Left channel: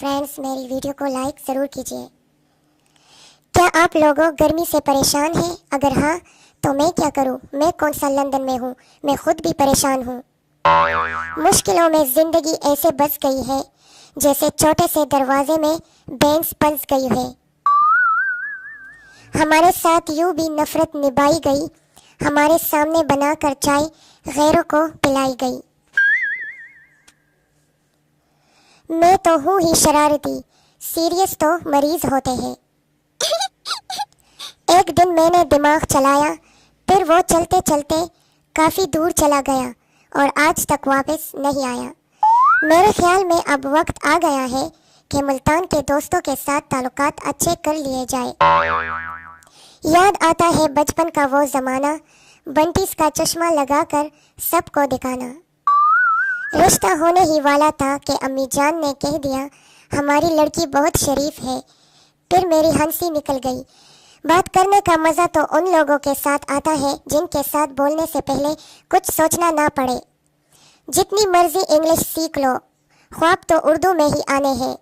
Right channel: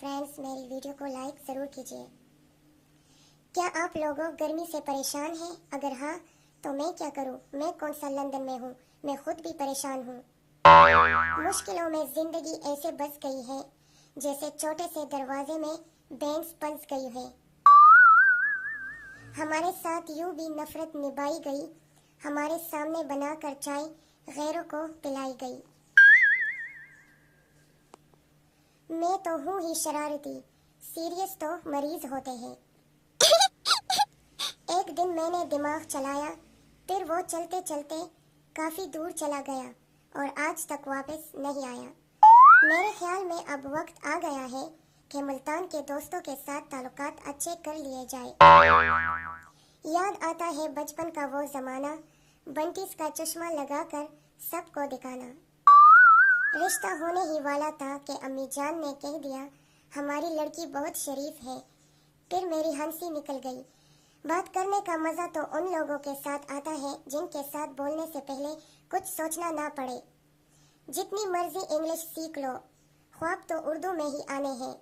Friends, मेरी video को like ज़रूर कीजिए। क्या आप लोगों गर्मी से परेशान हैं? अगर हाँ तो मैं क्या करूं? मैं कौन सा लंदन में हूं, मैं खुद भी परेशान हूं। मुश्किलों में ज़िंदगी ऐसे बस गई है जैसे छोटे से दरवाजे में बेंस फंस गई है। हमारे साथ यूं भी नफरत निभाई गई, हमारे सामने बनाकर चाय गैरों को पिलाई गई। मैं तो हूँ ही शरारती, सीरियस तो मरीज होते हैं। एक दिन मैंने दिमाग चलाया, फिर वो चलते चलते काफ़ी दूर चला गया और आज तक वापस नहीं आया। मेरे ख्याल में अब वक्त आ गया है कि मुल्तान के दोस्तों के साथ ताल्लुकात अच्छे कर लिए जाए। याद आता है बचपन का वो ज़माना, बंटीस का चश्मा लगाकर सबको दिखाना। रिश्ता होने ही वाला था कि अम्मी जान ने कह दिया हमारी लड़की बहुत शरीफ है। फिर मेरी हंसी निकल गई। बात करने का मज़ा तो उन लोगों के साथ आता है जिनके साथ बोलने से पहले कुछ सोचना ना पड़े। जितनी मर्जी इंग्लिश सीख लो, ख्वाब तो उर्दू में ही आने हैं।